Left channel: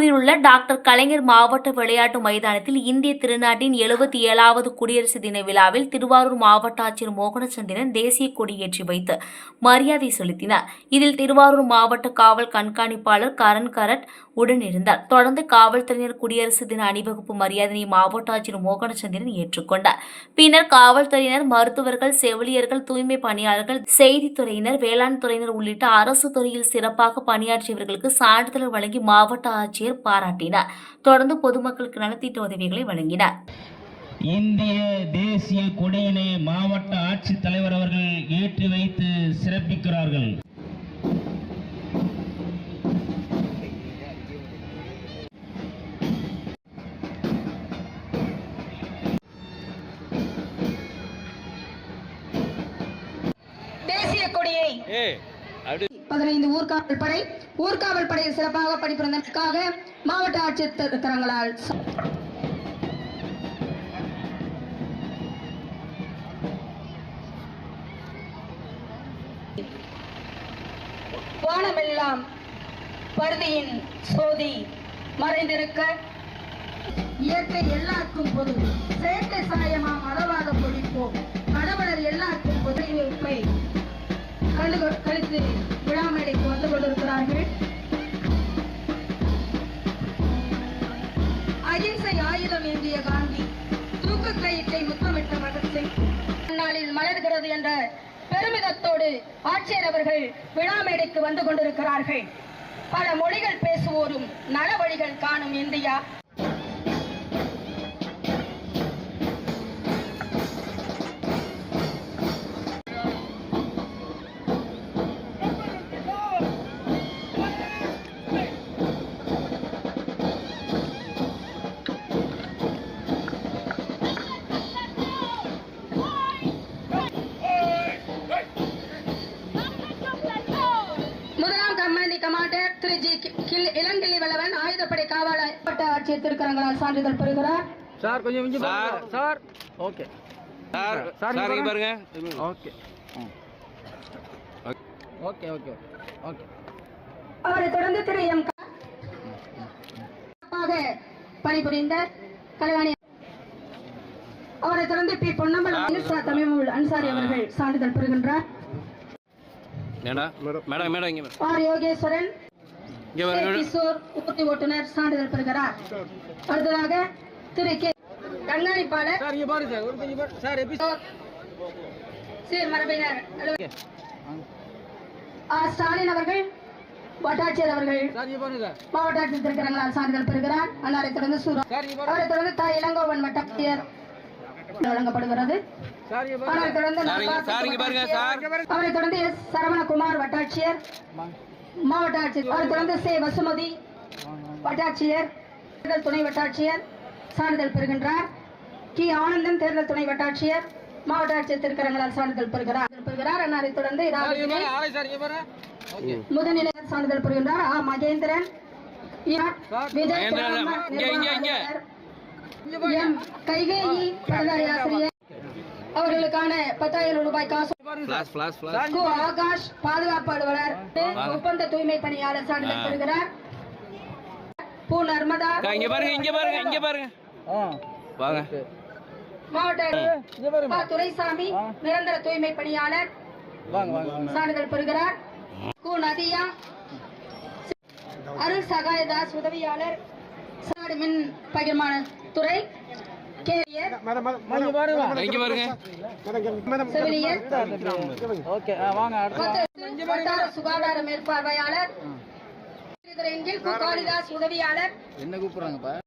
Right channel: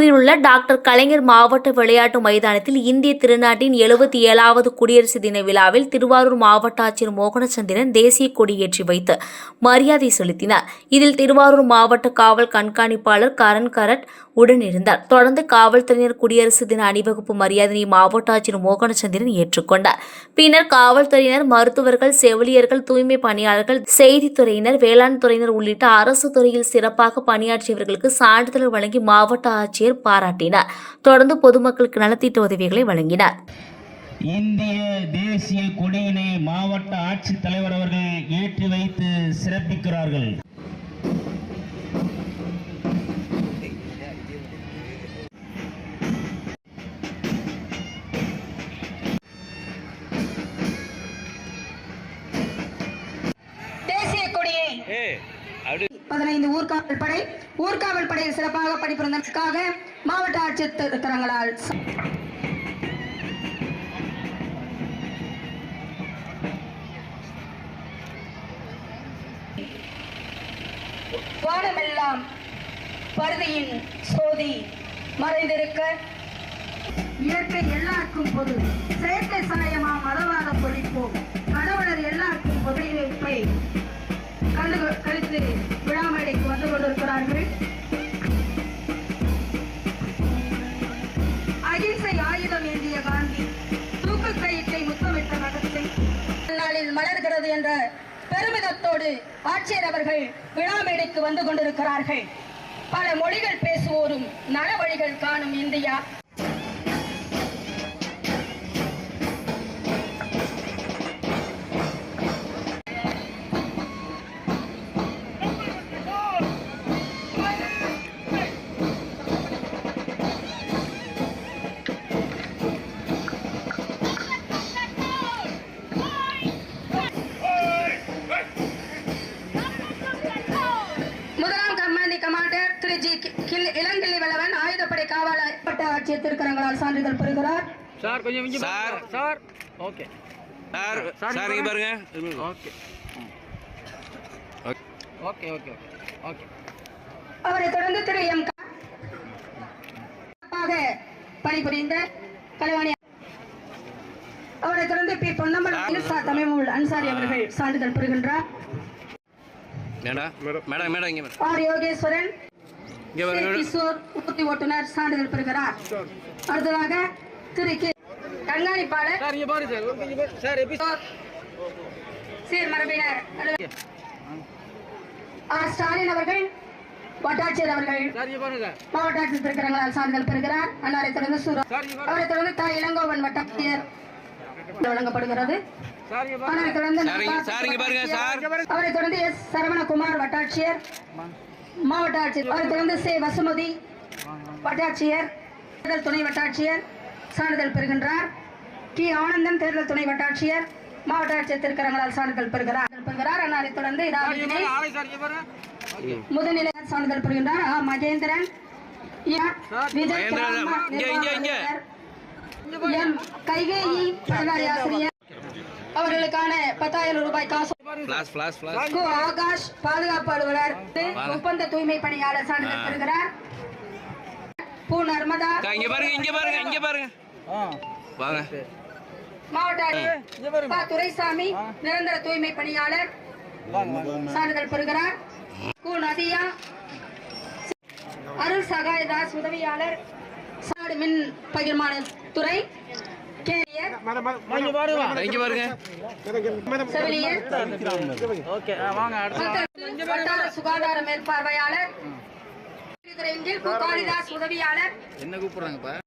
திருவாரூரில் உள்ள டாக்டர் கலைஞர் மாவட்ட விளையாட்டு மைதானத்தில் இந்திய திருநாட்டின் 77வது குடியரசு தின விழாவில் திருவாரூர் மாவட்ட ஆட்சியர் மோகனச்சந்திரன் தேசிய கொடியேற்றி வைத்து மரியாதை செலுத்தினார். இதில் திருவாரூர் மாவட்ட காவல் கண்காணிப்பாளர் கரண் கரட் உடனிருந்தார். தொடர்ந்து காவல்துறையினர் குடியரசு தின அணிவகுப்பு மரியாதையை மாவட்ட ஆட்சியர் மோகனச்சந்திரன் ஏற்றுக்கொண்டார். பின்னர் காவல்துறையினர், மருத்துவர்கள், செவிலியர்கள், தூய்மை பணியாளர்கள், செய்தித்துறையினர், வேளாண் துறையினர் உள்ளிட்ட அரசு துறையில் சிறப்பாக பணியாற்றியவர்களுக்கு சான்றிதழ் வழங்கி மாவட்ட ஆட்சியர் பாராட்டினார். தொடர்ந்து பொதுமக்களுக்கு நலத்திட்ட உதவிகளை வழங்கினார். இந்திய தேசிய கொடியினை மாவட்ட ஆட்சித் தலைவர் அவர்கள் ஏற்றி வைத்து சிறப்பிக்கிறார்கள். தேசிய கொடியை 15 ஊர்காவல் படையில் சிறப்பாக பணிபுரிந்ததற்காக மாவட்ட ஆட்சித்தலைவர்களால் வானமெல்லாம் பருதியின் சோதி மறைந்திருக்க இயற்கை எல்லாருக்கும் பொது செயற்கை சாயமாம் அளவாக பொழிப்போம் கடவுளர் எல்லாருக்கும் பொதுப்பை கழித்து விழாமேடைக்கு வந்து கொண்டிருக்கிறார்கள். அகிம்சை ஆயுதம் ஏந்திய காந்தி தூக்கு கயிற்றை முத்தமிட்ட ரகத்தை நாளில் மலர்கிறது என்ற பெருமிதத்தோடு ஆட்சியர் அவர்கள் விழாமேடைக்கு வந்து கொண்டிருக்கிறார்கள். பல மொழிகள் பேசுவோரும் நல வழிகள் காணும் இந்தியா. கமாண்டர் திரு ஜி இளங்கிள்ளி வல்லவன் ஆயுதப்படை காவலர் ஆட்சியர் திருக்கரங்களால் சான்றிதழ் பெறுகிறார். சார் கொஞ்சம் சார் ஓகே சார் இங்க பாருங்க. Okay okay okay okay. அவரை தொடர்ந்து திரு எம் பணிபுரிந்த கலைவாணி, அவரை தொடர்ந்து பி பொன்னம்பலம் தமிழ் அன்சாரி அவர்கள் சான்றிதழ் பெறுகின்றார். யோகேஸ்வரன் கிஷோர் ஊர்தி ஓட்டுநர் சான்றிதழ் பெறுகிறார். அடுத்ததாக திரு கே கண்காணிப்பாளர் சீர்மரபினர் ஸ்டாலின் அவர்கள் வட்டாட்சியர் அவர்கள் மாவட்ட ஆட்சியர் திருக்கரங்களால் சான்றிதழ் பெறுகிறார். அவரை தொடர்ந்து அவரை தொடர்ந்து த இளங்கோவன் வட்டாட்சியர் வழங்கப்படுகிறது. அவரை தொடர்ந்து எஸ் சரவணகுமார் வட்டாட்சியர் மாவட்ட ஆட்சியர். அவரை தொடர்ந்து சே வசுமதி வட்டாட்சியர் தேர்தல் துணை வட்டாட்சியர் சான்றிதழ் பெறுகின்றார். டி ஆனந்தன் தேர்தல் துணை வட்டாட்சியர் மாவட்ட ஆட்சியர் திருக்கரங்களால் சான்றிதழ் பெறுகிறார். அவரை தொடர்ந்து முதுநிலை சான்றிதழ் பெறுகின்றார். மகேந்திரன், விஜய், கைகேயி ஆசிரியர் அவர்களுக்கான 10,000 ரூபாய் காசு. ஆகாஷ் பாதுகாப்பு அலுவலர் ஒப்பந்த தூய்மை பணியாளர் சான்றிதழ் பெறுகிறார். பூ நர்மதா மாவட்ட துரைசாமி நிரந்தர தூய்மை பணியாளர் சான்றிதழ் பெறுகிறார். பூ நதியா அருள் சகாயதாஸ் உதவியாளர் மின் பகிர்மான துறை சுகாதார மேற்பார்வையாளர் காளிதாஸ் உதவியாளர். என்ன கூப்பிடுறாங்கப்பா?